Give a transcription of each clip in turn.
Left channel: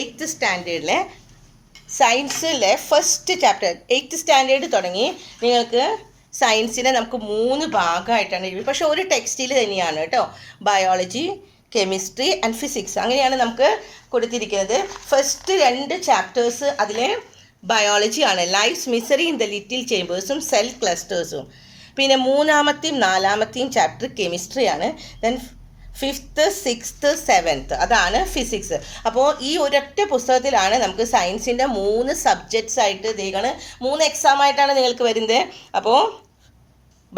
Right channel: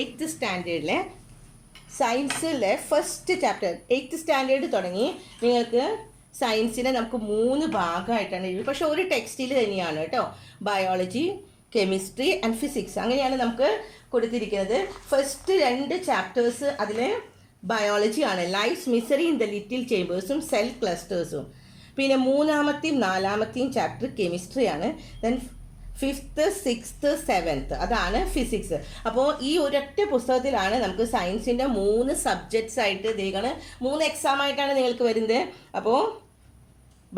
8th സ്റ്റാൻഡേർഡിലെ സയൻസിലെ first chapter. 8th standard തുടങ്ങി നിങ്ങൾക്ക് സയൻസിനെ നമുക്ക് 3 ഭാഗമായിട്ടാണ് എഴുതി. പക്ഷേ ഒരു ടെക്സ്റ്റിൽ തന്നെയാണ് കേട്ടോ. ബയോളജി, കെമിസ്ട്രി ആൻഡ് ഫിസിക്സ് അങ്ങനെയാണ് നമുക്ക് കൊടുത്തിരിക്കുന്നത്. ഫസ്റ്റ് 2 ചാപ്റ്റേഴ്സ് അതിലെ ബയോളജിയാണ്. Life's misery in the little ചേമ്പേഴ്സും സെൽ ക്ലസ്റ്റേഴ്സും. പിന്നെ 3-ാമത്തെയും 4-ാമത്തെയും chapter കെമിസ്ട്രിയാണ്. Then 5th, 6th, 7th അതാണ് ഫിസിക്സ്. അപ്പോൾ ഈ ഒരൊറ്റ പുസ്തകത്തിലാണ് നമുക്ക് സയൻസിൻ്റെ 3 സബ്ജക്ട്സ് ആയിട്ട് ഇതേക്കാണ് 3 എക്സാം ആയിട്ടാണ് നിങ്ങൾക്ക് വരുന്നത്. അപ്പോൾ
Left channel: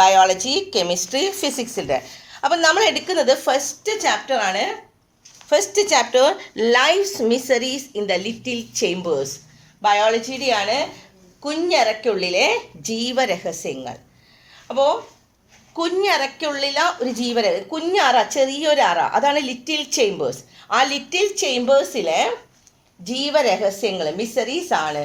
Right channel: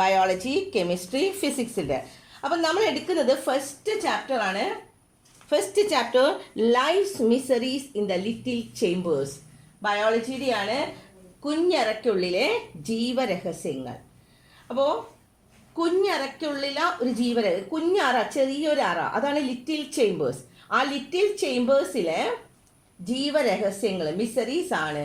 ബയോളജി, കെമിസ്ട്രി, ഫിസിക്സിൻ്റെ. അപ്പം നമ്മൾ എടുക്കുന്നത് ഫസ്റ്റ് ചാപ്റ്റർ ആണ്. First chapter life's miseries in the little chambers. ബയോളജിയുടെയാണ്, കുഞ്ഞറയ്ക്കുള്ളിലെ ജീവരഹസ്യങ്ങൾ. അപ്പോൾ കുഞ്ഞറയ്ക്കുള്ളിലെ ഒരു ജീവരഹസ്യം, കുഞ്ഞറ, ചെറിയൊരറ, അതാണ് ലിറ്റിൽ ചേമ്പേഴ്സ്. ആ ലിറ്റിൽ ചേമ്പേഴ്സിലെ ജീവരഹസ്യങ്ങൾ, മിസറീസ് ആണ്,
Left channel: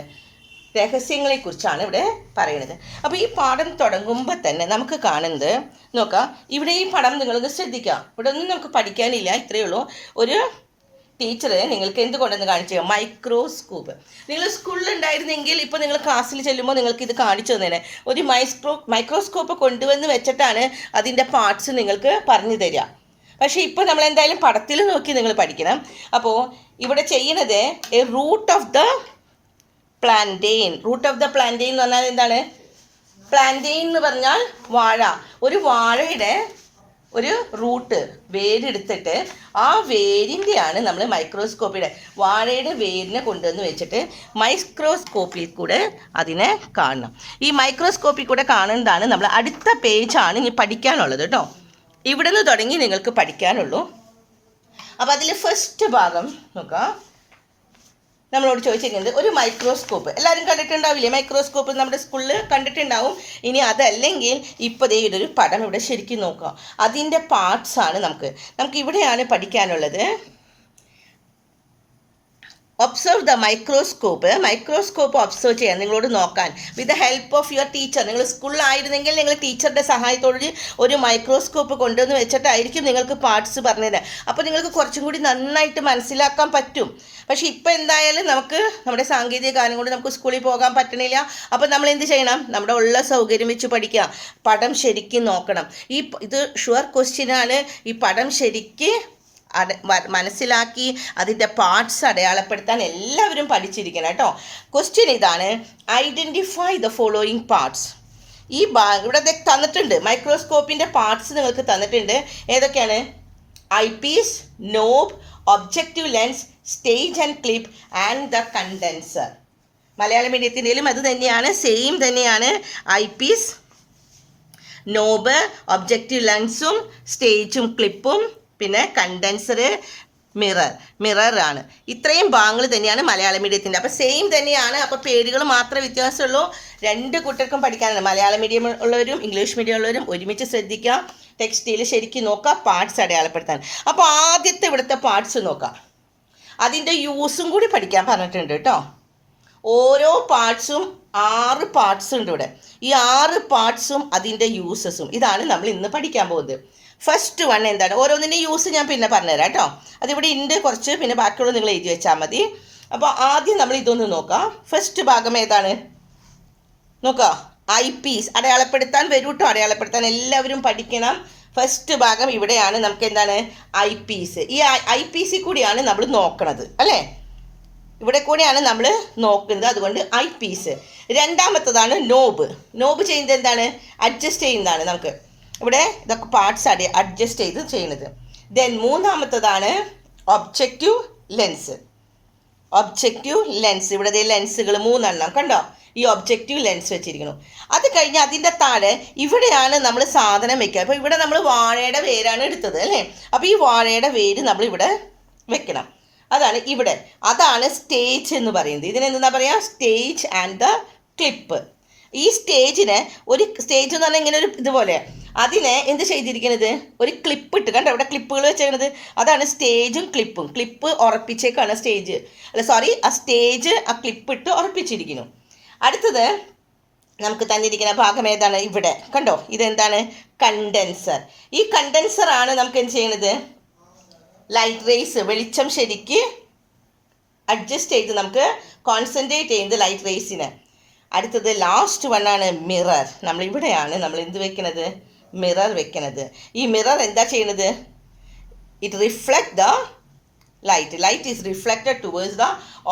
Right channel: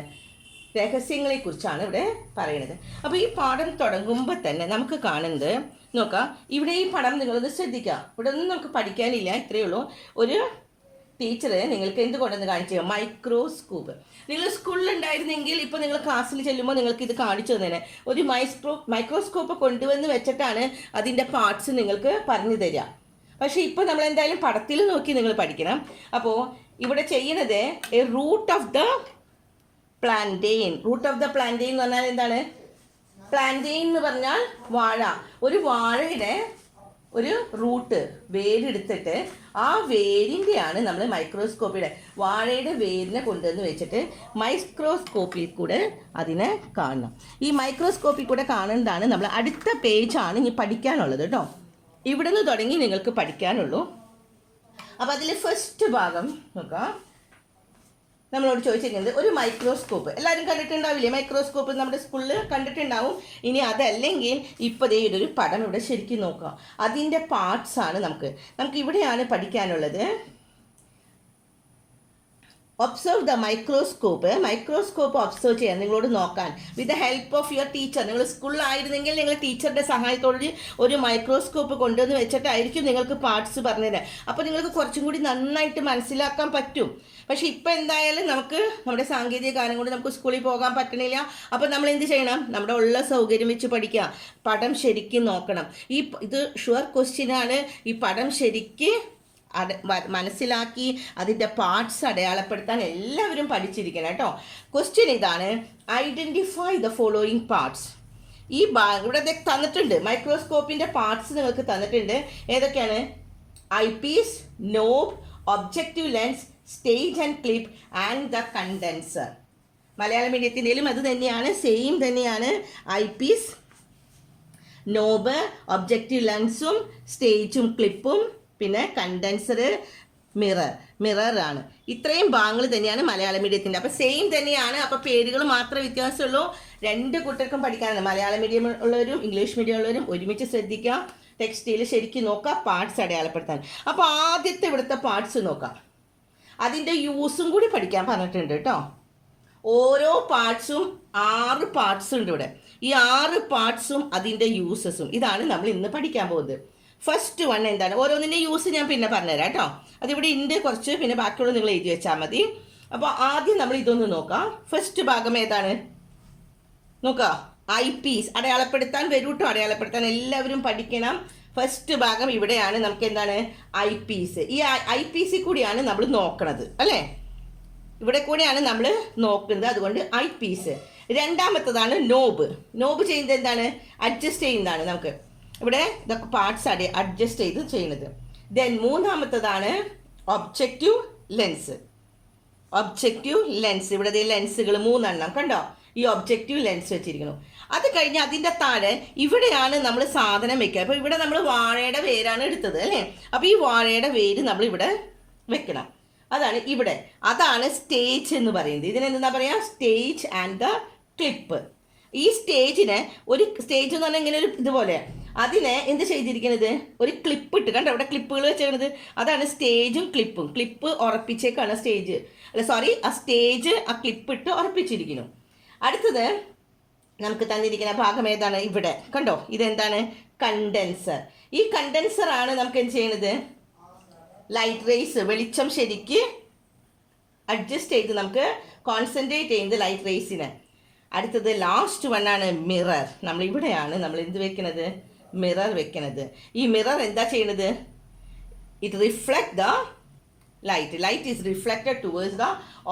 രഹസ്യങ്ങളെക്കുറിച്ചാണ് ഇവിടെ പറയുന്നത്. അപ്പോൾ ഈ പാഠം തുടങ്ങുമ്പോൾ തന്നെ നമുക്ക് കാണുന്നത് നോക്കാം. ഇവിടെ ഈ പടം നിങ്ങളൊന്ന് ശ്രദ്ധിക്കാം. ഇവിടെ ഒന്നും നമുക്ക് പഠിക്കാനില്ല, ഇത്രയേ ഉള്ളൂ. ഒരു ടീച്ചർ നിങ്ങൾക്ക് എന്തുകൊണ്ടെന്ന് കാണിച്ചു തരാം. മൈക്രോസ്കോപ്പ്. നിങ്ങൾ സ്കൂളിലുണ്ടായിരുന്നെങ്കിൽ ഇപ്പോൾ നിങ്ങൾ ക്ലാസ്സിൽ ചെല്ലുമ്പോൾ നിങ്ങൾക്ക് ഇത് കാണിച്ചു തന്നേനെ. ഒരു മൈക്രോസ്കോപ്പ് കൊണ്ടുവന്ന് വെച്ചിട്ടാണ് അതിൻ്റെ പാർട്സ് നിങ്ങൾക്ക് പറഞ്ഞു തരിക. പക്ഷേ ഇപ്പോൾ നമ്മൾ എന്തായാലും പടത്തിൽ നോക്കി നിങ്ങൾ പഠിക്കണം. അപ്പോൾ ഇവിടെ ചെയ്യുന്നത് root of the plantain. Root of the plantain എന്ന് പറഞ്ഞാൽ എന്താണ്? പ്ലാന്റെയിൻ എന്ന് പറഞ്ഞാൽ വാഴ. ഒരു വാഴയുടെ ഒരു റൂട്ട്, വേരെടുത്തിട്ട് ആ വേരിൻ്റെയാണ് നമ്മൾ മൈക്രോസ്കോപ്പിയുടെ, വാഴയുടെ വേരിനെ കൊണ്ടുവന്ന് വെച്ചിട്ട് മൈക്രോസ്കോപ്പിൽ കൂടെ അതിനെ കാണണം. ഈ മൈക്രോസ്കോപ്പിൽ കൂടെ കാണുന്നതാണ് നമ്മൾ അടുത്ത പേജാണ് ഇനി പഠിക്കാനുള്ളത് കേട്ടോ. ഇവിടെ നിന്ന് തുടങ്ങി നിങ്ങൾക്ക് പഠിക്കാനുള്ളൂ. അപ്പോൾ അതിൽ ഫസ്റ്റ് ഭാഗം നോക്കാം. നമ്മളോട് ചോദിച്ചിരിക്കുന്നത് ഒരു മൈക്രോസ്കോപ്പ്. എല്ലാവരും കണ്ടിട്ടുണ്ടാവില്ലേ മൈക്രോസ്കോപ്പ്? നമ്മുടെ സ്കൂളിൽ കണ്ടിട്ടുണ്ടാവും. ഇനി അതല്ലെങ്കിൽ ഇപ്പോൾ ദേ ഇതൊരു പടം ഇവിടെ ശരിക്കും നോക്കുക. അതിൻ്റെ പാർട്സാണ് നമുക്ക് ഇവിടെയാണ് പഠിക്കാനുള്ളത്. Observe the microscope. Microscope observe ചെയ്യാൻ, നിങ്ങളോട് നോക്കാൻ. With the help of your teacher. നിങ്ങൾ സ്കൂളിലായിരുന്നെങ്കിൽ നിങ്ങൾ ടീച്ചറുടെ സഹായത്തോടെ ഒരു മൈക്രോസ്കോപ്പ് കൊണ്ടുവന്ന് വെച്ചിട്ടായിരിക്കും നിങ്ങൾക്ക് പാർട്സ് പറഞ്ഞുതരാം. അപ്പോൾ നിങ്ങൾക്ക് കുറച്ചും കൂടി നന്നായിട്ട് മനസ്സിലാക്കാൻ പറ്റും. പക്ഷേ ഇപ്പോൾ എന്തായാലും നമുക്ക് നമ്മുടെ സാങ്കേതിക കാര്യം കൊണ്ട് നമുക്ക് സ്കൂളിൽ പോകാൻ പറ്റണില്ല. അപ്പോൾ നമ്മൾ എന്ത് ചെയ്യണം? നമ്മുടെ ഉള്ള സൗകര്യം വെച്ച് പഠിക്കുക. പടം ശരിക്കും നോക്കണം. ഇത് ഷുവർ ക്വസ്റ്റ്യനാണ്. ഈ പടം ശരിക്ക് മനസ്സിലാക്കി അതിൻ്റെ പാർട്സ് അടയാളപ്പെടുത്താൻ എല്ലാവരും പഠിച്ചിരിക്കണം കേട്ടോ. ക്വസ്റ്റ്യൻ ഇതാണ്: ഐഡൻറ്റിഫൈ ദ ഫോളോയിങ് പാർട്സ്. ഈ ഇവിടെ തന്നിട്ടുണ്ട്, മൈക്രോസ്കോപ്പിൻ്റെ പാർട്സ് നിങ്ങൾക്ക് തന്നിട്ടുണ്ട്. ഏതൊക്കെയാണ്? Eye piece, knob, objective lens, stage and clip and the condenser. Malayalam മീഡിയത്തിൻ്റെയിലും അത് തന്നെയാണ്, സെയിം തന്നെയാണ്. ഐ പീസ്, നോബ്, ഒബ്ജക്റ്റീവ് ലെൻസും സ്റ്റേജും ക്ലിപ്പും, പിന്നെ കണ്ടൻസർ, മിററാണ്. ഇത്രയും ഭാഗങ്ങൾ തന്നെയാണ് മലയാളം മീഡിയത്തിൻ്റെ. അപ്പോൾ സെയിം തന്നെയാണ്. അപ്പോൾ പേരുകൾ മാത്രമേ വ്യത്യാസമുള്ളൂ. 2 കൂട്ടർക്കും പഠിക്കാനാണ്. മലയാളം മീഡിയം ഉള്ളവരും ഇംഗ്ലീഷ് മീഡിയം ഉള്ളവരും ഒരുമിച്ച് ശ്രദ്ധിക്കാം. ടെക്സ്റ്റിൽ ശരിക്കും നോക്കാം, പാർട്സ് അടയാളപ്പെടുത്താൻ. അപ്പോൾ ആദ്യത്തെ ഇവിടുത്തെ പാർട്സ് നോക്കാം. അതിൻ്റെ യൂസും കൂടി പഠിക്കാൻ പറഞ്ഞിട്ടുണ്ട് കേട്ടോ. ഓരോ പാർട്സും 6 പാർട്സ് ഉണ്ട് ഇവിടെ. ഈ 6 പാർട്സും അതിൻ്റെ യൂസസും ഇതാണ് നമ്മൾ ഇന്ന് പഠിക്കാൻ പോകുന്നത്. ഫസ്റ്റ് വൺ എന്താണ്? ഓരോന്നിൻ്റെ യൂസ് ഞാൻ പിന്നെ പറഞ്ഞുതരാം കേട്ടോ. അതിവിടെ ഉണ്ട് കുറച്ച്, പിന്നെ ബാക്കിയുള്ള നിങ്ങൾ എഴുതി വെച്ചാൽ മതി. അപ്പോൾ ആദ്യം നമ്മൾ ഇതൊന്ന് നോക്കാം. ഫസ്റ്റ് ഭാഗം ഏതാണ് നോക്കാം. Eyepiece. അടയാളപ്പെടുത്താൻ വരൂ കേട്ടോ. അടയാളപ്പെടുത്താൻ എല്ലാവരും പഠിക്കണം. ഫസ്റ്റ് ഭാഗം ഇവിടെയാണ്. നമുക്ക് എന്താണ്? Eyepiece. ഈ ഐ പീസിൽ കൂടിയാണ് നമ്മൾ നോക്കണത് അല്ലേ? ഇവിടെ കൂടെയാണ് നമ്മൾ നോക്കുന്നത്. അതുകൊണ്ട് ഐ പീസ്. രണ്ടാമത്തതാണ് നോബ്. നോബ് ചെയ്യുന്നത് എന്താണ്? അഡ്ജസ്റ്റ് ചെയ്യുന്നതാണ്. നമുക്ക് ഇവിടെ ഇതൊക്കെ പാർട്സ് അഡ്ജസ്റ്റ് ചെയ്ത് ചെയ്യുന്നത്. ദെൻ മൂന്നാമത്തതാണ് ഒബ്ജക്റ്റീവ് ലെൻസ്. Objective lens. ഇവിടെ ലെൻസുകൾ 3 എണ്ണം കണ്ടോ? ഈ ഒബ്ജക്റ്റീവ് ലെൻസ് വെച്ചിരിക്കുന്നു. അത് കഴിഞ്ഞ് അതിൻ്റെ താഴെ ഇവിടെയാണ് നമ്മൾ സാധനം വെക്കുക. അപ്പോൾ ഇവിടെ നമ്മൾ വാഴയുടെ വേരാണ് എടുത്തത് അല്ലേ? അപ്പോൾ ഈ വാഴയുടെ വേര് നമ്മളിവിടെ വെക്കണം. അതാണ് ഇവിടെ. അതാണ് സ്റ്റേജ് എന്ന് പറയുന്നത്. ഇതിനെന്താ പറയുക? Stage and the clip. ഈ സ്റ്റേജിന് ഒരു സ്റ്റേജ് എന്ന് പറഞ്ഞാൽ ഇങ്ങനെ ഒരു ഇതുപോലെ, അതിനെ എന്ത് ചെയ്തിരിക്കുന്നത്? ഒരു ക്ലിപ്പ് ഇട്ട് കണ്ടോ? ഇവിടെ ക്ലിപ്പുകൾ വെച്ചിരിക്കുന്നത്. അതാണ് സ്റ്റേജും ക്ലിപ്പും. ക്ലിപ്പ് ഉറപ്പിച്ചേക്കാണ് സ്റ്റേജ്, ആ സ്റ്റേജ് ആ ക്ലിപ്പ് ഇട്ട് ഉറപ്പിച്ചിരിക്കുന്നു. അടുത്തത് നമുക്ക് തന്നിരിക്കുന്ന ഭാഗം ഏതാണ്? ഇവിടെ കണ്ടോ? ഇതെന്താണ്? കണ്ടൻസർ. ഈ കണ്ടൻസറാണ് നമുക്ക് എന്ത് ചെയ്യുന്നത്? ലൈറ്റ് റേസ്, വെളിച്ചം ശരിക്ക് അഡ്ജസ്റ്റ് ചെയ്ത് നമുക്ക് കോൺസെൻട്രേറ്റ് ചെയ്യുന്നത് ലൈറ്റ് റേസിന്. അടുത്തത് ലാസ്റ്റ് വണ്ണാണ് മിറർ. നമ്മളിവിടെയാണ് നമ്മൾ എന്ത് വെക്കുന്നത്, മിറർ വെക്കുന്നത്. ഈ മിറർ എന്താ ചെയ്യുന്നത്, it reflect the light is reflected towards the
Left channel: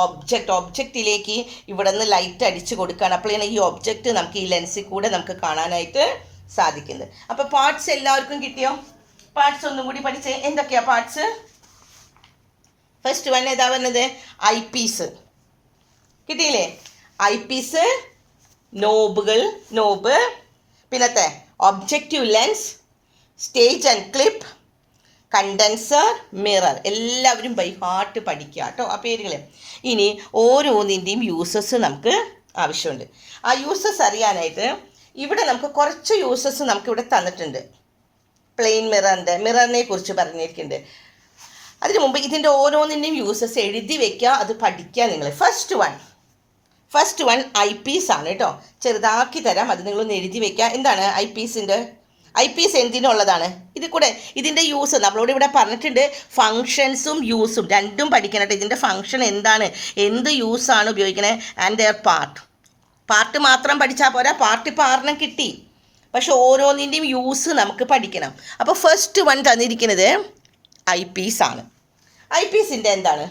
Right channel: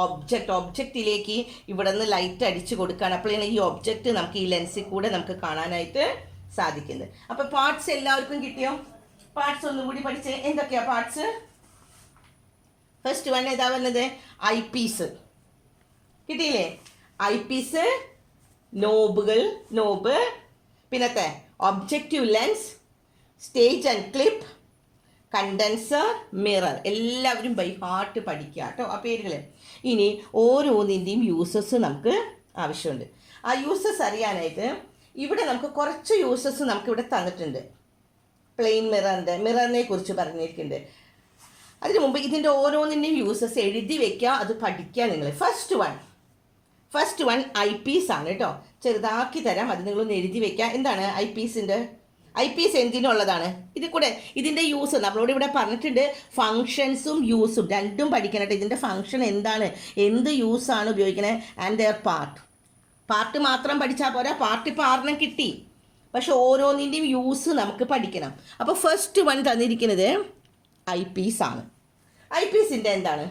ഒബ്ജക്റ്റിലേക്ക് ഇവിടെ നിന്ന് ലൈറ്റ് അടിച്ചു കൊടുക്കുകയാണ്. അപ്പോഴാണ് ഈ ഒബ്ജക്റ്റ് നമുക്ക് ഈ ലെൻസിൽ കൂടെ നമുക്ക് കാണാനായിട്ട് സാധിക്കുന്നത്. അപ്പോൾ പാർട്സ് എല്ലാവർക്കും കിട്ടിയോ? പാർട്സ് ഒന്നും കൂടി പഠിച്ച് എന്തൊക്കെയാ പാർട്സ്? ഫസ്റ്റ് വൺ ഏതാ പറഞ്ഞത്, ഐ പീസ് കിട്ടിയില്ലേ? ഐ പീസ്, നോബ്, പിന്നത്തെ objective lens, stage and clip, condenser, mirror. എല്ലാവരും ബൈ ഹാർട്ട് പഠിക്കുക കേട്ടോ ആ പേരുകൾ. ഇനി ഓരോന്നിൻ്റെയും യൂസസ് നമുക്ക് ആവശ്യമുണ്ട്. ആ യൂസസ് അറിയാനായിട്ട് ഇവിടെ നമുക്ക് കുറച്ച് യൂസസ് നമുക്കിവിടെ തന്നിട്ടുണ്ട്. പ്ലെയിൻ മിററിനെ കുറിച്ച് പറഞ്ഞിരിക്കുന്നുണ്ട്. അതിനു മുമ്പ് ഇതിൻ്റെ ഓരോന്നിൻ്റെയും യൂസസ് എഴുതി വെക്കുക, അത് പഠിക്കുക നിങ്ങൾ. ഫസ്റ്റ് വൺ ഐ പീസ് ആണ് കേട്ടോ. ചെറുതാക്കി തരാം, അത് നിങ്ങളൊന്ന് എഴുതി വെക്കുക. എന്താണ് ഐ പീസ് എന്തിനുള്ളതാണ്? ഇതിൻ്റെ യൂസ് നമ്മളോട് ഇവിടെ പറഞ്ഞിട്ടുണ്ട്. ഫങ്ഷൻസും യൂസും രണ്ടും പഠിക്കണം. ഇതിൻ്റെ ഫങ്ഷൻ എന്താണ്, എന്ത് യൂസാണ് ഉപയോഗിക്കണേ, ആൻഡ് ദെയർ പാർട്ട് മാത്രം പഠിച്ചാൽ പോരാ, പാർട്ട് ഇപ്പോൾ 6 കിട്ടി, പക്ഷെ ഓരോന്നിൻ്റെയും യൂസ് നമുക്ക് പഠിക്കണം. അപ്പോൾ ഫസ്റ്റ് വൺ തന്നിരിക്കുന്നത് ഐ പീസ് ആണ്. ഐ പീസിൻ്റെ എന്താണ്?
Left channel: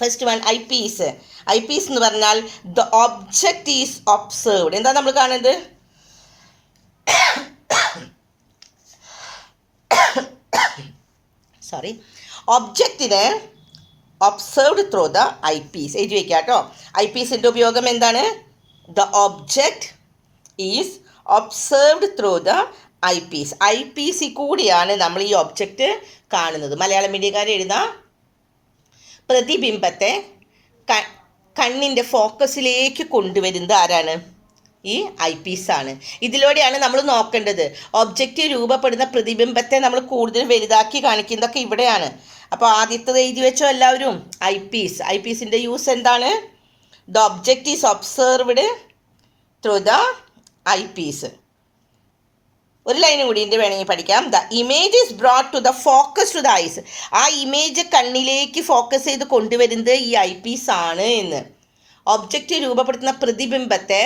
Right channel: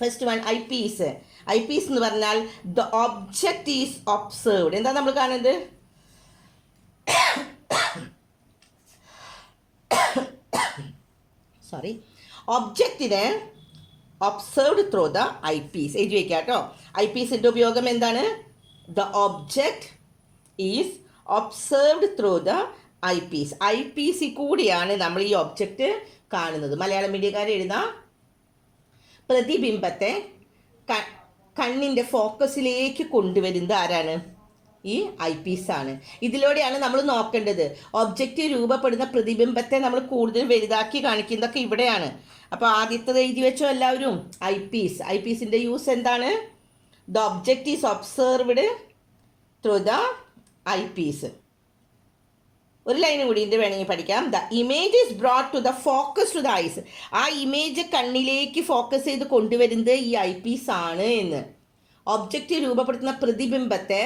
ഫസ്റ്റ് വൺ ഐ പീസ് എന്ന് പറഞ്ഞാൽ ദ ഒബ്ജക്റ്റ് ഈസ് ഒബ്സർവ്ഡ്. എന്താ നമ്മൾ കാണുന്നത്? ഒബ്ജക്റ്റിനെ observed through the eyepiece. എഴുതി വയ്ക്കുക കേട്ടോ. ഐ പീസിൻ്റെ ഉപയോഗം എന്താണ്? The object is observed through the eyepiece. ഐ പീസിൽ കൂടിയാണ് നമ്മൾ ഈ ഒബ്ജക്റ്റ് കാണുന്നത്. മലയാളം മീഡിയക്കാരെ എഴുതാം, പ്രതിബിംബത്തെ കണ്ണിൻ്റെ ഫോക്കസിലേക്ക് കൊണ്ടുവരുന്നത് ആരാണ്? ഈ ഐ പീസാണ്. ഇതിലൂടെയാണ് നമ്മൾ നോക്കേണ്ടത്. ഒബ്ജക്റ്റ് രൂപപ്പെടുന്ന പ്രതിബിംബത്തെ നമ്മൾ കൂടുതൽ വലുതാക്കി കാണിക്കുന്നതൊക്കെ ഇവിടെയാണ്. അപ്പോൾ ആദ്യത്തത് എഴുതി വെച്ചോ എല്ലാവരും. ഐ പീസിൻ്റെ യൂസ് എന്താണ്? The object is observed through the eyepiece. ഒരു ലൈനും കൂടി വേണമെങ്കിൽ പഠിക്കാം. The image is brought to the focus to the eyes. ആ ഇമേജ് കണ്ണിലേക്ക് ഫോക്കസ് ചെയ്ത് കൊണ്ടുവരുന്നത് ഈ ഐ പീസ് ആണ് എന്ന്. ഒബ്ജക്റ്റ് രൂപപ്പെടുത്തുന്ന പ്രതിബിംബത്തെ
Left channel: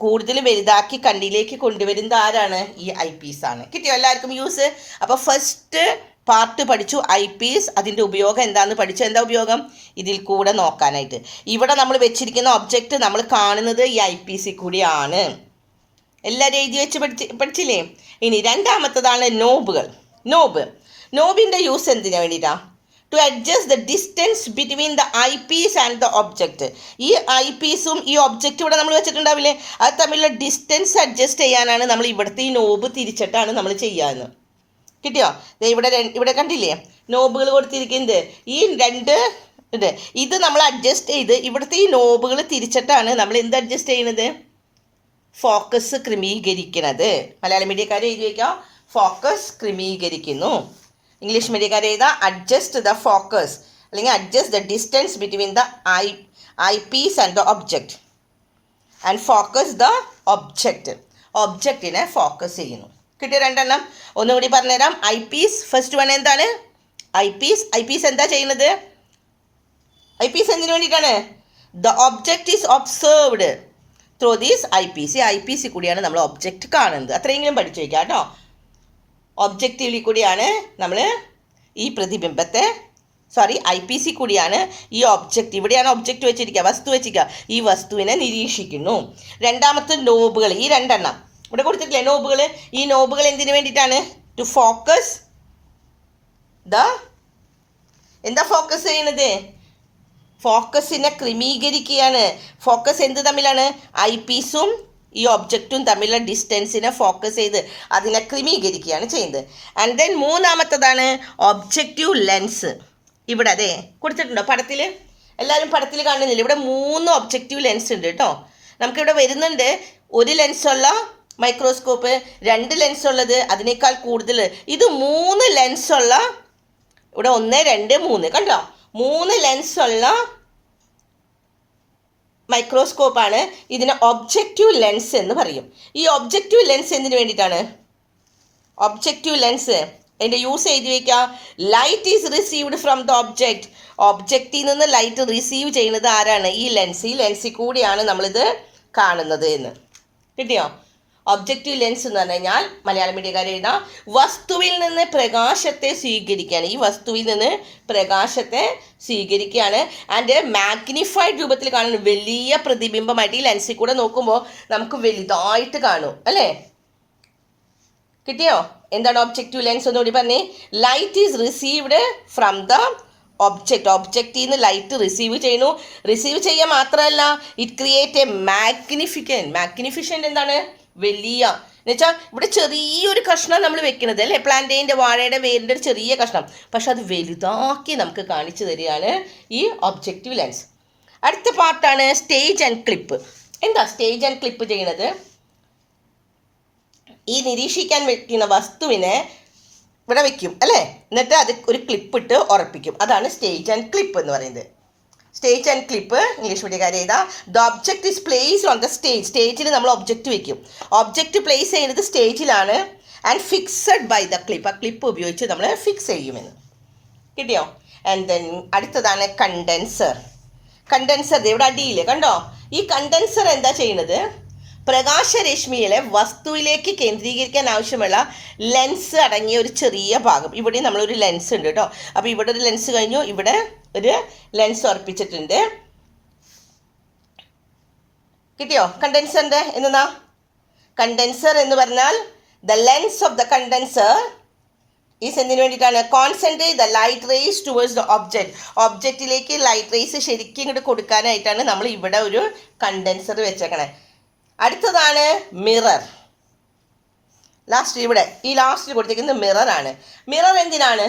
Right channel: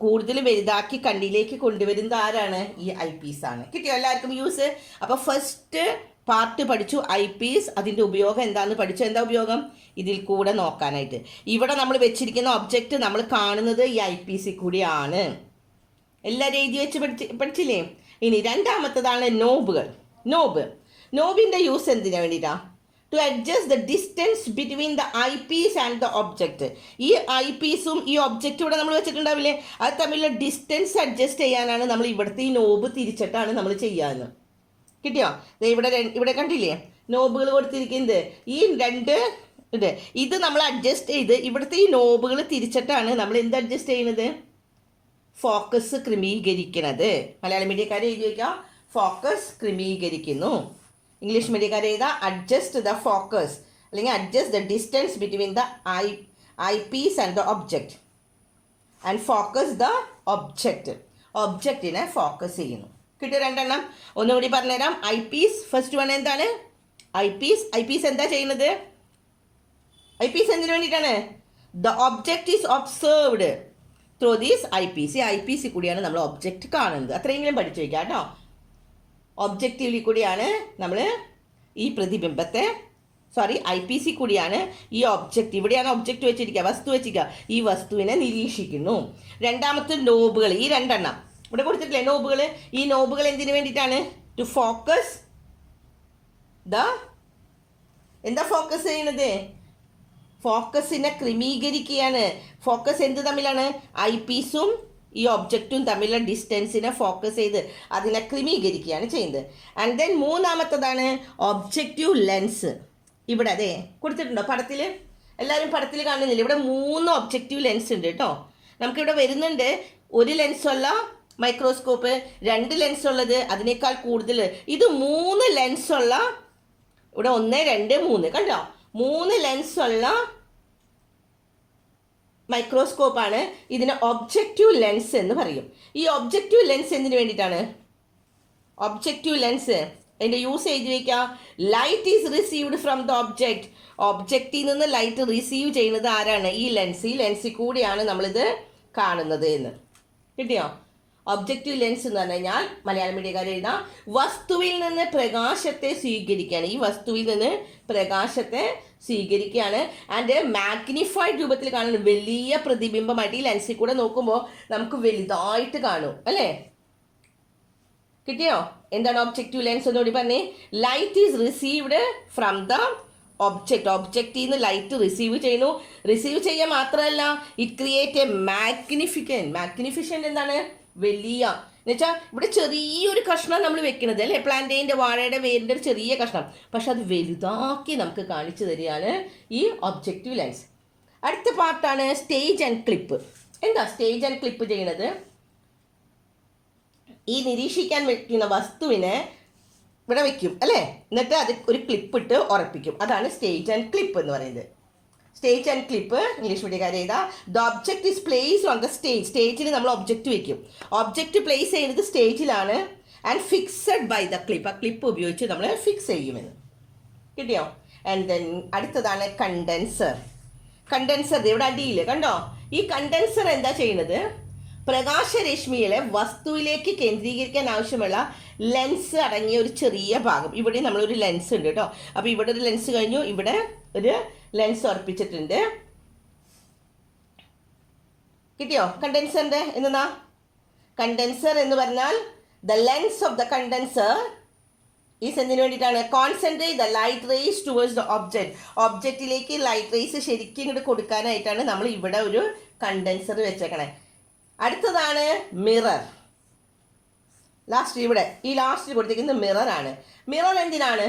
കൂടുതൽ വലുതാക്കി കണ്ണിലേക്ക് കൊണ്ടുവരുന്നത് ആരാണ്? ഈ ഐ പീസ് ആണ്. കിട്ടിയോ എല്ലാവർക്കും യൂസ്? അപ്പോൾ ഫസ്റ്റ് പാർട്ട് പഠിച്ചു ഐ പീസ്. അതിൻ്റെ ഉപയോഗം എന്താണെന്ന് പഠിച്ചു. എന്താ ഉപയോഗം? ഇതിൽ കൂടെ നോക്കാനായിട്ട്. ഇവിടെ നമ്മൾ വെച്ചിരിക്കുന്ന ഒബ്ജക്റ്റ് നമ്മൾ കാണുന്നത് ഈ ഐ പീസിൽ കൂടിയാണ്. എല്ലാവരും എഴുതി വെച്ച് പഠിച്ചില്ലേ? ഇനി രണ്ടാമത്തതാണ് നോബിൻ്റെ യൂസ് എന്തിനു വേണ്ടിയിട്ടാണ്? To adjust the distance between the eyepiece and the object. ഈ ഐ പീസും ഈ ഒബ്ജക്റ്റും ഇവിടെ നമ്മൾ വെച്ചിട്ടുണ്ടാവില്ലേ, അത് തമ്മിലുള്ള ഡിസ്റ്റൻസ് അഡ്ജസ്റ്റ് ചെയ്യാനാണ് നമ്മൾ ഇവിടുത്തെ ഈ നോബ് തിരിച്ചിട്ടാണ് നമ്മൾ ചെയ്യാമെന്ന്. കിട്ടിയോ? ഇവിടെ കണ്ടില്ലേ നോബുകൾ കൊടുത്തിരിക്കുന്നത്? ഈ രണ്ട് ഇത് നമ്മൾ അഡ്ജസ്റ്റ് ചെയ്ത് ഇവിടുത്തെ ഈ നോബുകൾ തിരിച്ചിട്ടാണ് നമ്മൾ എന്ത് അഡ്ജസ്റ്റ് ചെയ്യുന്നത്? ഫോക്കസ് ക്രമീകരിക്കുന്നത്. മലയാളം മീഡിയക്കാരെ എഴുതി വയ്ക്കാം, ഫോക്കസ് ക്രമീകരിക്കുന്നു. ഇംഗ്ലീഷ് മീഡിയക്കാരെ എഴുതാം, അഡ്ജസ്റ്റ് ദ ഫോക്കസ്, അല്ലെങ്കിൽ adjust the distance between the eyepiece and the object, and focus the ഒബ്ജക്റ്റിനെ ഫോക്കസ് ചെയ്യുന്നു. കിട്ടിയ രണ്ടെണ്ണം ഒന്നും കൂടി പറഞ്ഞുതരാം. ഐ പീസ് ഫസ്റ്റ് വൺ എന്താണ്? ഐ പീസ് എന്താ ചെയ്യുന്നത്? ഐ പീസ് എന്തിനു വേണ്ടിയിട്ടാണ്? The object is observed through these eyepiece. ഈ ഐ പീസിൽ കൂടിയാണ് നമ്മൾ ഒബ്ജക്റ്റ് കാണുന്നത്. അത്രയെങ്കിലും പഠിച്ചു വയ്ക്കാം കേട്ടോ. ഒബ്ജക്റ്റീവിൽ കൂടിയാണ് നമ്മൾ ഈ പ്രതിബിംബത്തെ ഐ പീസിൽ കൂടിയാണ് ഈ ഒബ്ജക്റ്റ്, ഇവിടെയാണ് ഒബ്ജക്റ്റ് വെച്ചിരിക്കുക, വസ്തു വെച്ചിരിക്കുക, ഈ വസ്തുവിനെ നിരീക്ഷിക്കുന്നു. രണ്ടാമത്തെ നോബുകൾ, ഈ രണ്ടെണ്ണം ഇവിടെ കൊടുത്തിട്ടില്ലേ നോബുകൾ? ഈ നോബുകൾ എന്തിനു വേണ്ടിയിട്ടാണ്? ടു ഫോക്കസ് എന്താ ഫോക്കസ് ചെയ്യുന്നത്? ഫോക്കസിനെ ക്രമീകരിക്കുകയാണ്. ഫോക്കസ് എന്ത് തമ്മിലാണ്? ഐ പീസും ഈ ഒബ്ജക്റ്റും തമ്മിലുള്ള ഡിസ്റ്റൻസിനെ ഫോക്കസ് ചെയ്ത് അതിനെ ക്രമീകരിക്കുകയാണ് ചെയ്യുന്നത്. ആൻഡ് ദെൻ മൂന്നാമത്തതാണ് ഒബ്ജക്റ്റീവ് ലെൻസ്. ഇവിടെ അതെ കൊടുത്തിട്ടുണ്ടോ പടത്തിൽ? എല്ലാവരും പടത്തിൽ കാണുന്നില്ല? ഇവിടെ 3 ഒബ്ജക്റ്റീവ് ലെൻസ് ഉണ്ട് കേട്ടോ. നമുക്കിവിടെ വരുന്നുണ്ട് 1 ലെൻസുള്ള മൈക്രോസ്കോപ്പ്, 2 ലെൻസുള്ളത്, അതിനേക്കാൾ കൂടുതൽ. ഇത് 3 ലെൻസുള്ള, ഇവിടെ 1, 2, 3 കണ്ടോ? 3 ലെൻസുള്ള മൈക്രോസ്കോപ്പാണ്. ഇതിനെ ഒബ്ജക്റ്റീവ് ലെൻസ് എന്ന് പറയും. ഈ ഒബ്ജക്റ്റീവ് ലെൻസ് എന്തിനു വേണ്ടിയിട്ടാണ്? ഒബ്ജക്റ്റീവ് ലെൻസ് അതിൻ്റെ യൂസ് എഴുതി വയ്ക്കുക. Light is received from the object. ഒബ്ജക്റ്റിൽ നിന്ന് ലൈറ്റ് റിസീവ് ചെയ്യുന്നത് ആരാണ്? ഈ ലെൻസ്. ഈ ലെൻസിൽ കൂടിയാണ് നമ്മളിത് കാണുന്നത് എന്ന്. കിട്ടിയോ? ഒബ്ജക്റ്റീവ് ലെൻസ് എന്ന് പറഞ്ഞു കഴിഞ്ഞാൽ മലയാളം മീഡിയക്കാർ എഴുതാം, വസ്തുവിൽ നിന്ന് പ്രകാശത്തെ സ്വീകരിക്കുകയാണ്. ഈ വസ്തുവിൽ നിന്ന് പ്രകാശത്തെ സ്വീകരിക്കുകയാണ്. ആൻഡ് മാഗ്നിഫൈഡ് രൂപത്തിൽ കാണുന്നു. വലിയ പ്രതിബിംബമായിട്ട് ഈ ലെൻസിൽ കൂടെ നോക്കുമ്പോൾ നമുക്ക് വലുതായിട്ട് കാണും അല്ലേ? കിട്ടിയോ? എന്താണ് ഒബ്ജക്റ്റീവ് ലെൻസ് ഒന്നുകൂടി പറഞ്ഞേ. Light is received from the object. ഒബ്ജക്റ്റിൽ നിന്ന് ലൈറ്റ് റിസീവ് ചെയ്യുന്നു. റിസീവ് ചെയ്യുക മാത്രമല്ല, ഇറ്റ് ക്രിയേറ്റ് എ മാഗ്നിഫിഷ്യൻ്റ് എന്താണ്? വലിയ എന്നുവെച്ചാൽ ഇവിടെ ചെറിയൊരു കഷ്ണം നമ്മൾ വെക്കുന്നത് അല്ലേ, പ്ലാന്റേൻ്റെ വാഴയുടെ വേരിൻ്റെ ഒരു ചെറിയ കഷ്ണം, പക്ഷെ അത് വലുതാക്കി നമുക്ക് കാണിച്ചു തരികയാണ് ഈ ഒബ്ജക്റ്റീവ് ലെൻസ്. അടുത്ത പാർട്ടാണ് സ്റ്റേജ് ആൻഡ് ക്ലിപ്പ്. എന്താ സ്റ്റേജ് ആൻഡ് ക്ലിപ്പ് ചെയ്യുന്നത്? ഈ നിരീക്ഷിക്കാൻ വെക്കുന്ന വസ്തുവിനെ ഇവിടെ വെക്കും അല്ലേ, എന്നിട്ട് അത് ഒരു ക്ലിപ്പിട്ട് ഉറപ്പിക്കും. അതാണ് സ്റ്റേജ് ആൻഡ് ക്ലിപ്പ് എന്ന് പറയുന്നത്. സ്റ്റേജ് ആൻഡ് ക്ലിപ്പ് ഇംഗ്ലീഷ് മീഡിയക്കാർ ചെയ്താൽ the object is placed on the stage. സ്റ്റേജിൽ നമ്മൾ ഒബ്ജക്റ്റ് വെക്കും. ഒബ്ജക്റ്റ് പ്ലേസ് ചെയ്യുന്നത് സ്റ്റേജിലാണ്. And fixed by the clip. ആ ക്ലിപ്പ് ഉപയോഗിച്ച് നമ്മൾ ഫിക്സ് ചെയ്യുമെന്ന്. കിട്ടിയോ? ആൻഡ് ദെൻ അടുത്തതാണ് കണ്ടൻസർ. കണ്ടൻസർ ഇവിടെ അടിയിൽ കണ്ടോ? ഈ കണ്ടൻസർ എന്താ ചെയ്യുന്നത്? പ്രകാശരശ്മിയിലെ വസ്തുവിലേക്ക് കേന്ദ്രീകരിക്കാൻ ആവശ്യമുള്ള ലെൻസ് അടങ്ങിയ ഒരു ചെറിയ ഭാഗം. ഇവിടെ നമ്മളൊരു ലെൻസ് ഉണ്ട് കേട്ടോ. അപ്പോൾ ഇവിടെ ഒരു ലെൻസ് കഴിഞ്ഞു, ഇവിടെ ഒരു ലെൻസ് ഉറപ്പിച്ചിട്ടുണ്ട്. കിട്ടിയോ? കണ്ടൻസറിൻ്റെ എന്നാ? കണ്ടൻസർ എന്ന് പറഞ്ഞാൽ the lens of the condenser is എന്തിനു വേണ്ടിയിട്ടാണ്? Concentrate the light rays towards the object. ഒബ്ജക്റ്റിലേക്ക് ലൈറ്റ് റേസ് ശരിക്കും ഇങ്ങോട്ട് കൊടുക്കാനായിട്ടാണ് നമ്മൾ ഇവിടെ ഒരു കണ്ടൻസർ വെച്ചേക്കണേ. അടുത്തതാണ് മിറർ. ലാസ്റ്റ് ഇവിടെ ഈ ലാസ്റ്റിൽ കൊടുത്തിരിക്കുന്നത് മിററാണ്. മിറർ എന്തിനാണ്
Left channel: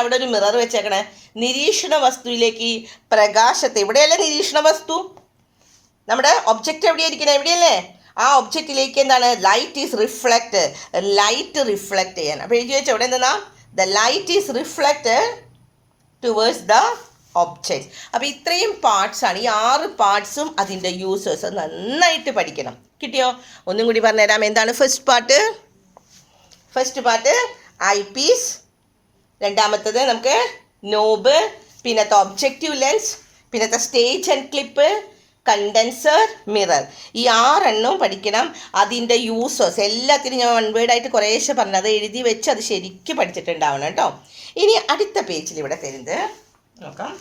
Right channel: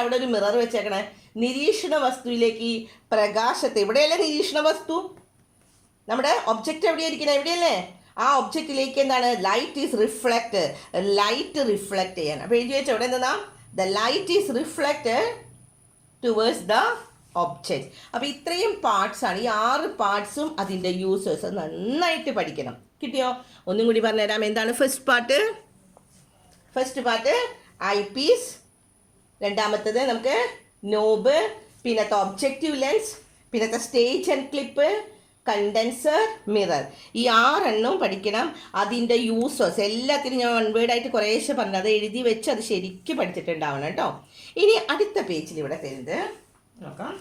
അവിടെ ഒരു മിറർ വെച്ചേക്കണേ? നിരീക്ഷണ വസ്തുവിലേക്ക് പ്രകാശത്തെ, ഇവിടെയല്ലേ നിരീക്ഷണ വസ്തു, നമ്മുടെ ഒബ്ജക്റ്റ് എവിടെയായിരിക്കണം? എവിടെയല്ലേ? ആ ഒബ്ജക്റ്റിലേക്ക് എന്താണ്? Light is reflect. Light reflect ചെയ്യാൻ. അപ്പോൾ എഴുതി വെച്ചാൽ ഇവിടെ എന്താ? The light is reflected towards the object. അപ്പോൾ ഇത്രയും പാർട്സാണ്. ഈ 6 പാർട്സും അതിൻ്റെ യൂസേഴ്സ് നന്നായിട്ട് പഠിക്കണം. കിട്ടിയോ? ഒന്നും കൂടി പറഞ്ഞുതരാം. എന്താണ് first part? First part eyepiece, രണ്ടാമത്തത് നമുക്ക് നോബ്, പിന്നത്തെ ഒബ്ജക്റ്റീവ് ലെൻസ്, പിന്നത്തെ stage and clip, condenser, mirror. ഈ 6 എണ്ണവും പഠിക്കണം. അതിൻ്റെ യൂസേഴ്സ് എല്ലാത്തിനും ഞാൻ വൺ വേർഡായിട്ട് കുറേശ്ശെ പറഞ്ഞത്, അത് എഴുതി വെച്ച് അത് ശരിക്കും പഠിച്ചിട്ടുണ്ടാവണം കേട്ടോ. ഇനി അടുത്ത പേജിൽ ഇവിടെ തരുന്നത് നോക്കാം.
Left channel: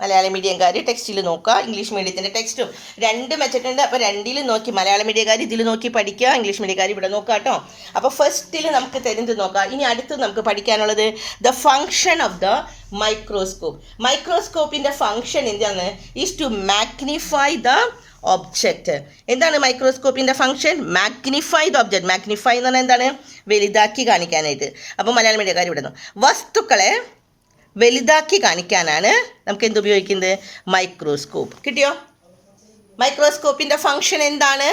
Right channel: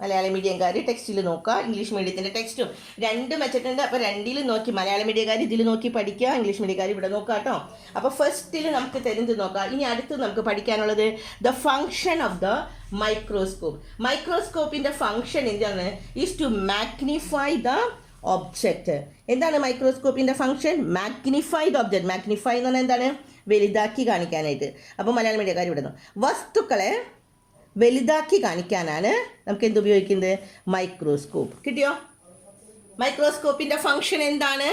മലയാളം മീഡിയംകാർ ടെക്സ്റ്റിൽ നോക്കുക, ഇംഗ്ലീഷ് മീഡിയത്തിൻ്റെ ടെക്സ്റ്റും രണ്ടും വെച്ചിട്ടുണ്ട്. അപ്പോൾ രണ്ടിലും നോക്കി മലയാളം മീഡിയക്കാർ ഇതിൽ നോക്കി പഠിക്കുക, ഇംഗ്ലീഷ് മീഡിയക്കാർ ഇവിടെ നോക്കുക കേട്ടോ. അപ്പോൾ ഫസ്റ്റിൽ നമുക്ക് തരുന്നത് നോക്കാം. ഇനി അടുത്ത് നമുക്ക് പഠിക്കാനുള്ളത് the function of the microscope. മൈക്രോസ്കോപ്പിൻ്റെ ഫങ്ഷൻ എന്താണ്? Is to magnify the object. എന്താണ് മൈക്രോസ്കോപ്പിൻ്റെ function? Magnify the object. Magnify എന്ന് പറഞ്ഞാൽ എന്താണ്? വലുതാക്കി കാണിക്കാനായിട്ട്. അപ്പോൾ മലയാളം മീഡിയക്കാർ ഇവിടെ നിന്ന് വസ്തുക്കളെ വലുതാക്കി കാണിക്കാനാണ് നമുക്ക് എന്ത് ഉപയോഗിക്കുന്നത്? മൈക്രോസ്കോപ്പ്. കിട്ടിയോ? മൈക്രോസ്കോപ്പിൻ്റെ ഫങ്ഷൻ എന്താണ്?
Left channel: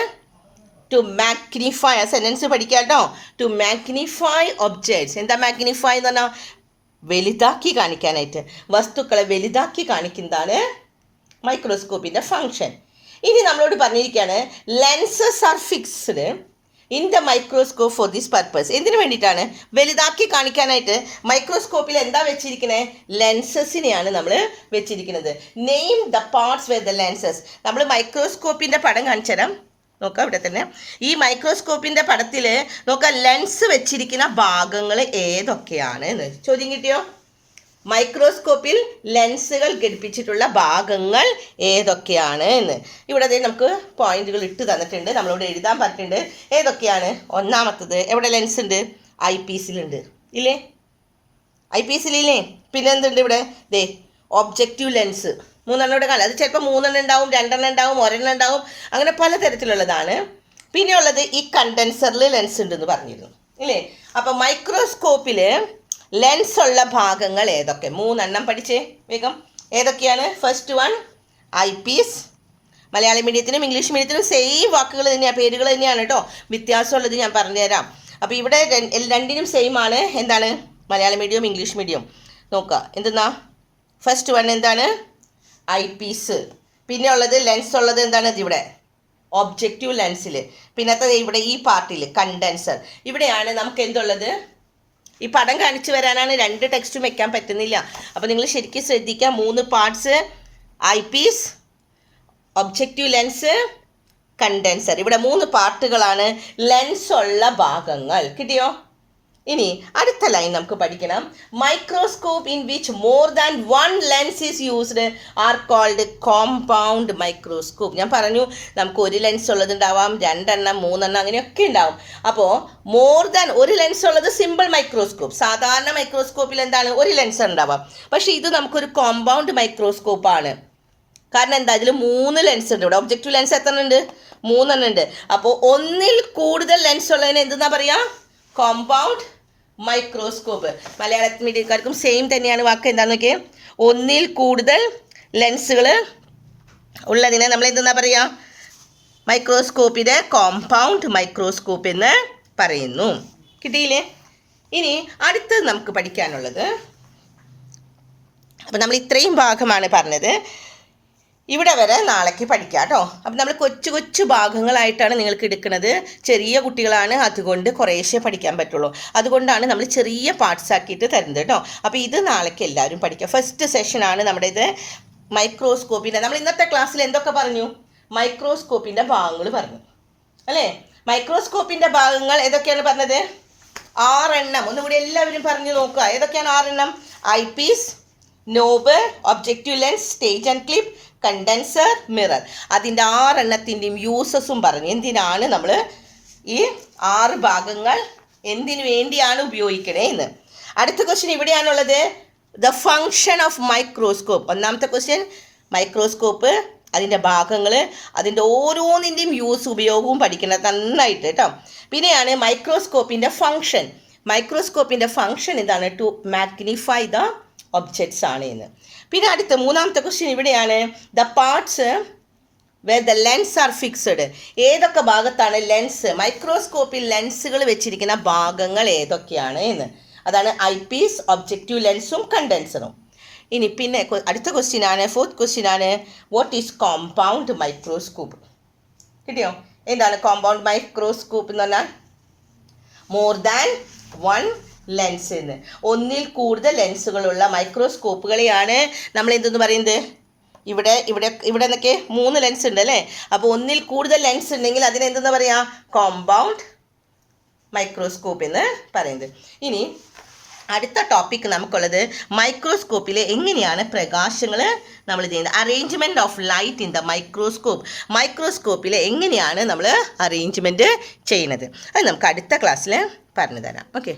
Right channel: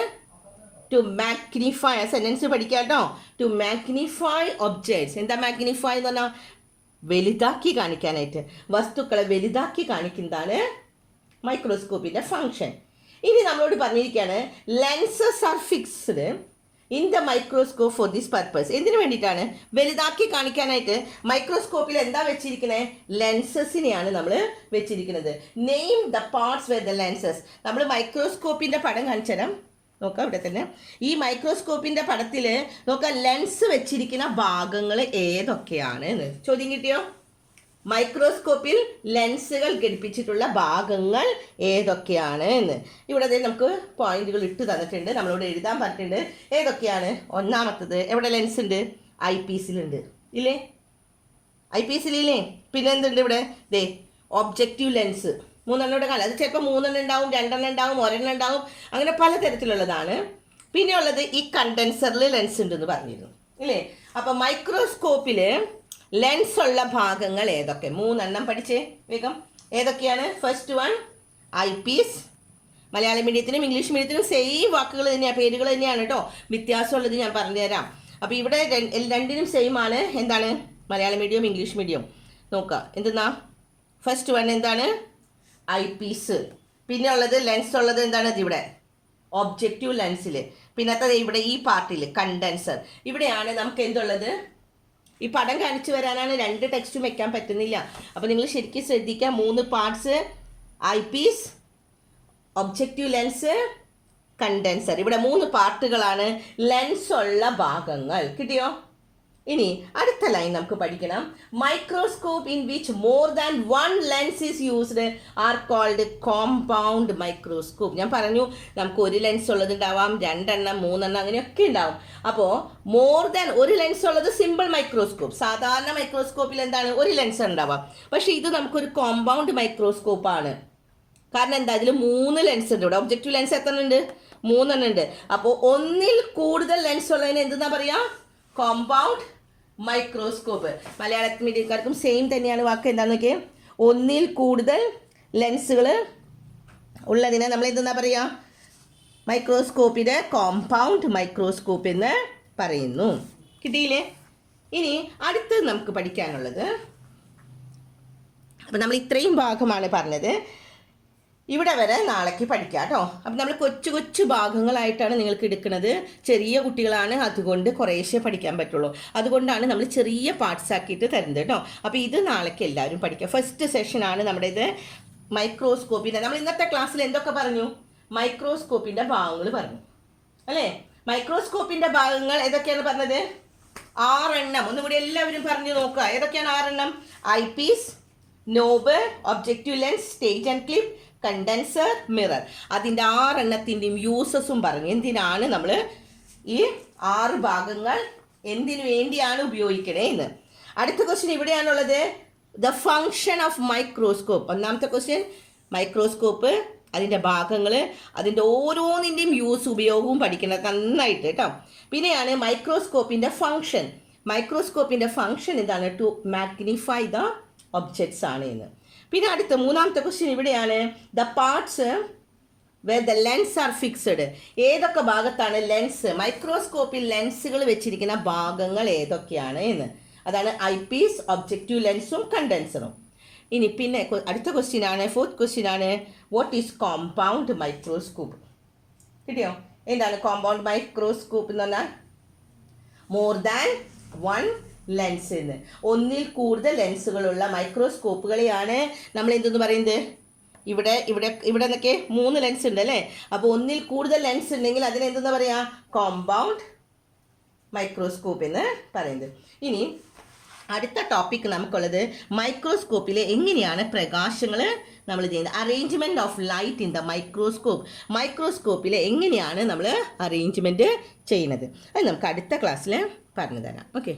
To magnify. ആ സെൻറ്റൻസ് പഠിക്കാം കേട്ടോ. To magnify objects. എന്താ മാഗ്നിഫൈ എന്ന് പറഞ്ഞാൽ? വലുതാക്കി കാണിക്കാനായിട്ട്. വസ്തുക്കളെ വലുതാക്കി കാണിക്കുന്നതാണ് മൈക്രോസ്കോപ്പിൻ്റെ ഫങ്ഷൻ. ഇനി നമ്മളോട് പറഞ്ഞിരിക്കുകയാണ് lenses are fixed in the microscope for this purpose. എന്തിനു വേണ്ടിയിട്ടാണ്? വലുതാക്കി കാണിക്കാനായിട്ട് മൈക്രോസ്കോപ്പിൽ എന്താ വെച്ചിരിക്കുന്നത്? ലെൻസസിനെയാണ് നമ്മൾ വെച്ചിരിക്കുന്നത്. Name the parts where the lenses. നമ്മൾ മൈക്രോസ്കോപ്പിൻ്റെ പടം കാണിച്ചു തരാം. നോക്കാം ഇവിടെ തന്നെ. ഈ മൈക്രോസ്കോപ്പിൻ്റെ പടത്തിൽ നോക്കാം ലെൻസ് വെച്ചിരിക്കുന്ന ഭാഗങ്ങൾ ഏതൊക്കെയാണ് എന്ന് ചോദ്യം കിട്ടിയോ? മൈക്രോസ്കോപ്പിൽ ലെൻസുകൾ ഘടിപ്പിച്ചിട്ടുള്ള ഭാഗങ്ങൾ ഏതൊക്കെയാണ് എന്ന് ഇവിടെ നമുക്ക് പോയിന്റുകൾ ഇട്ട് തന്നിട്ടുണ്ട്. നമ്മളോട് എഴുതാൻ പറഞ്ഞിട്ടുണ്ട് ഏതൊക്കെയാണ്. ഒന്നാമത്തത് എവിടെ ലെൻസ് ഉണ്ട്? ഐ പീസിലുണ്ട് ഇല്ലേ? ഐ പീസിലില്ലേ? പിന്നെ എന്തുണ്ട് ഇവിടെ? ദേ ഒബ്ജക്റ്റീവ് ലെൻസ് 3 ഇവിടെ കാണാം. അത് ചിലപ്പോൾ 3 ഉണ്ടാവും, 2 ഉണ്ടാവും, 1 ഉണ്ടാവും, അങ്ങനെ പലതരത്തിലുള്ളതാണ്. പിന്നെ ഉള്ളത് ഈ കണ്ടൻസറിൽ ലെൻസ് ഉണ്ടെന്ന് പറഞ്ഞിരുന്നു ഇല്ലേ? അപ്പോൾ മൈക്രോസ്കോപ്പിൽ ലെൻസ് ഉള്ള ഭാഗങ്ങൾ ഏതൊക്കെ? 3 പഠിച്ചേ വേഗം. ഏതൊക്കെയാണ്? First one eyepiece. Malayalam മീഡിയത്തിനും ഇംഗ്ലീഷ് മീഡിയത്തിനും സെയിം വാക്കുകൾ തന്നെയാണ്, പേരുകൾ തന്നെയാണ് കേട്ടോ. വ്യത്യാസമുള്ളത് ഞാൻ പറഞ്ഞുതരാം. അപ്പോൾ ഇവിടെ രണ്ടിനും സെയിം ആണ്. എന്താണ്? മലയാളം മീഡിയം ഇംഗ്ലീഷ് മീഡിയം നോക്കുക. എന്തെന്നാ? ഫസ്റ്റ് വൺ എന്താണ്? Eyepiece. പിന്നെ ഉള്ളത് ലെൻസ് ഉള്ളത് എന്താണ്? ഇവിടെ ഒബ്ജക്റ്റീവ് ലെൻസിൽ. പിന്നത്തെ ഇവിടെ ഈ പാർട്ടിൽ കണ്ടൻസർ. ഇവിടെയാണ് നമുക്ക് എന്തുള്ളത്, ഈ പടം കാണിച്ചു വരാനാണ് 2 ടെക്സ്റ്റും വെക്കാൻ പറ്റുന്നില്ല. അപ്പോൾ നിങ്ങൾ ശരിക്കും ശ്രദ്ധിക്കുക. 3 parts: eyepiece, objective lens, condenser. ഇവിടെ 3 പാർട്ടുകളാണ് ലെൻസ് ഉള്ള ഭാഗങ്ങൾ. കിട്ടിയോ? ഇനി അടുത്ത ലൈൻ നമുക്ക് പഠിക്കണം. Microscope in which more than 1 lens is used are called compound microscope. ഞാൻ പറഞ്ഞു നമുക്ക് 1 ലെൻസ് ഉള്ളതുണ്ടാവാം, 2 എണ്ണം, 3 എണ്ണം, അങ്ങനെയൊക്കെ ഉണ്ടാവും. അപ്പോൾ മോർ ദാൻ 1 ലെൻസ് ഉള്ളത് സിമ്പിൾ മൈക്രോസ്കോപ്പ്. സാധാരണ മൈക്രോസ്കോപ്പിൽ എന്താണ് 1 ലെൻസ് ഉണ്ടാവാം. പക്ഷേ ഇത് നമുക്കൊരു കോമ്പൗണ്ട് മൈക്രോസ്കോപ്പാണ്. കാരണം എന്താ, ഇതിൽ 3 ലെൻസ് ഉണ്ട്. ഇവിടെ ഒബ്ജക്റ്റീവ് ലെൻസ് എത്ര ഉണ്ട്? 3 എണ്ണം ഉണ്ട്. അപ്പോൾ 1ൽ കൂടുതൽ ലെൻസ് ഉള്ളതിന് എന്തെന്നാ പറയുക? Compound microscope. മലയാള മീഡിയക്കാർക്കും സെയിം തന്നെയാണ് വാക്ക്. എന്താണെന്ന് നോക്കിയേ, 1ൽ കൂടുതൽ ലെൻസുകൾ ഉള്ളതിനെ നമ്മൾ എന്തെന്നാ പറയുക? മൈക്രോസ്കോപ്പിൻ്റെ കോമ്പൗണ്ട് മൈക്രോസ്കോപ്പ് എന്ന് പറയുന്നു. കിട്ടിയില്ലേ? ഇനി അടുത്തത് നമുക്ക് പഠിക്കാനുള്ളത്, അപ്പോൾ നമ്മൾ ഇത്രയും ഭാഗമാണ് പറഞ്ഞത്. ഇവിടെ വരെ നാളേക്ക് പഠിക്കാം കേട്ടോ. അപ്പം നമ്മൾ കൊച്ചു കൊച്ചു ഭാഗങ്ങളായിട്ടാണ് നിങ്ങൾക്ക് എടുക്കുന്നത്. ചെറിയ കുട്ടികളാണ്, അതുകൊണ്ട് കുറേശ്ശേ പഠിക്കാൻ പറ്റുള്ളൂ. അതുകൊണ്ടാണ് നമ്മൾ ചെറിയ പാർട്സ് ആക്കിയിട്ട് തരുന്നത് കേട്ടോ. അപ്പോൾ ഇത് നാളേക്ക് എല്ലാവരും പഠിക്കുക. ഫസ്റ്റ് സെഷനാണ് നമ്മുടെ ഇത് മൈക്രോസ്കോപ്പിൻ്റെ. നമ്മൾ ഇന്നത്തെ ക്ലാസ്സിൽ എന്തൊക്കെ പറഞ്ഞു? മൈക്രോസ്കോപ്പിൻ്റെ ഭാഗങ്ങൾ പറഞ്ഞു അല്ലേ? മൈക്രോസ്കോപ്പിൻ്റെ ഭാഗങ്ങൾ ഏതൊക്കെയാണ് പറഞ്ഞത്? 6 എണ്ണം. ഒന്നുകൂടി എല്ലാവരും പറഞ്ഞു നോക്കുക. ഏതൊക്കെയാണ് 6 എണ്ണം? I Ps, knob, objective lens, stage and clip, condenser, mirror. അതിൻ്റെ 6 എണ്ണത്തിൻ്റെയും യൂസസും പറഞ്ഞു. എന്തിനാണ് നമ്മൾ ഈ 6 ഭാഗങ്ങൾ എന്തിനു വേണ്ടിയാണ് ഉപയോഗിക്കണേ എന്ന്. അടുത്ത ക്വസ്റ്റ്യൻ ഇവിടെയാണുള്ളത്. The function of microscope. ഒന്നാമത്തെ ക്വസ്റ്റ്യൻ മൈക്രോസ്കോപ്പ്, അതിൻ്റെ ഭാഗങ്ങൾ, അതിൻ്റെ ഓരോന്നിൻ്റെയും യൂസ് ഉപയോഗവും പഠിക്കണം നന്നായിട്ട് കേട്ടോ. പിന്നെയാണ് മൈക്രോസ്കോപ്പിൻ്റെ ഫങ്ഷൻ. മൈക്രോസ്കോപ്പിൻ്റെ ഫങ്ഷൻ എന്താണ്? ടു മാഗ്നിഫൈ ദ ഒബ്ജക്ട്സ് ആണ് എന്ന്. പിന്നെ അടുത്ത 3ാമത്തെ ക്വസ്റ്റ്യൻ ഇവിടെയാണ്. The parts where the lens are fixed. ഏതൊക്കെ ഭാഗത്താണ് ലെൻസ്, മൈക്രോസ്കോപ്പിൽ ലെൻസുകൾ വെച്ചിരിക്കുന്ന ഭാഗങ്ങൾ ഏതൊക്കെയാണ് എന്ന്. അതാണ് ഐ പീസ്, ഒബ്ജക്റ്റീവ് ലെൻസും കണ്ടൻസറും. ഇനി പിന്നെ അടുത്ത ക്വസ്റ്റ്യൻ ആണ്, 4th ക്വസ്റ്റ്യൻ ആണ്, വാട്ട് ഈസ് കോമ്പൗണ്ട് മൈക്രോസ്കോപ്പ്. കിട്ടിയോ? എന്താണ് കോമ്പൗണ്ട് മൈക്രോസ്കോപ്പ് എന്ന് പറഞ്ഞാൽ? മോർ ദാൻ 1 ലെൻസ് എന്ന്. 1ൽ കൂടുതൽ ലെൻസുകളുള്ള മൈക്രോസ്കോപ്പുകളെയാണ് നമ്മൾ എന്തെന്ന് പറയുന്നത്? ഇവിടെ ഇവിടെ ഇവിടെ നിന്നൊക്കെ 3 ലെൻസ് ഉണ്ട് അല്ലേ? അപ്പോൾ 1ൽ കൂടുതൽ ലെൻസ് ഉണ്ടെങ്കിൽ അതിനെന്തെന്ന് പറയുക? കോമ്പൗണ്ട് മൈക്രോസ്കോപ്പ് എന്ന് പറയുന്നത്. ഇനി അടുത്ത ടോപ്പിക് നമുക്കുള്ളത് മൈക്രോസ്കോപ്പിലെ എങ്ങനെയാണ് പ്രകാശങ്ങൾ നമ്മൾ ചെയ്യുന്നത്. Arrangement of light in the microscope. മൈക്രോസ്കോപ്പിൽ എങ്ങനെയാണ് നമ്മൾ അറേഞ്ച്മെൻറ്റ് ചെയ്യുന്നത് അത് നമുക്ക് അടുത്ത ക്ലാസ്സിൽ പറഞ്ഞു തരാം. ഓക്കെ.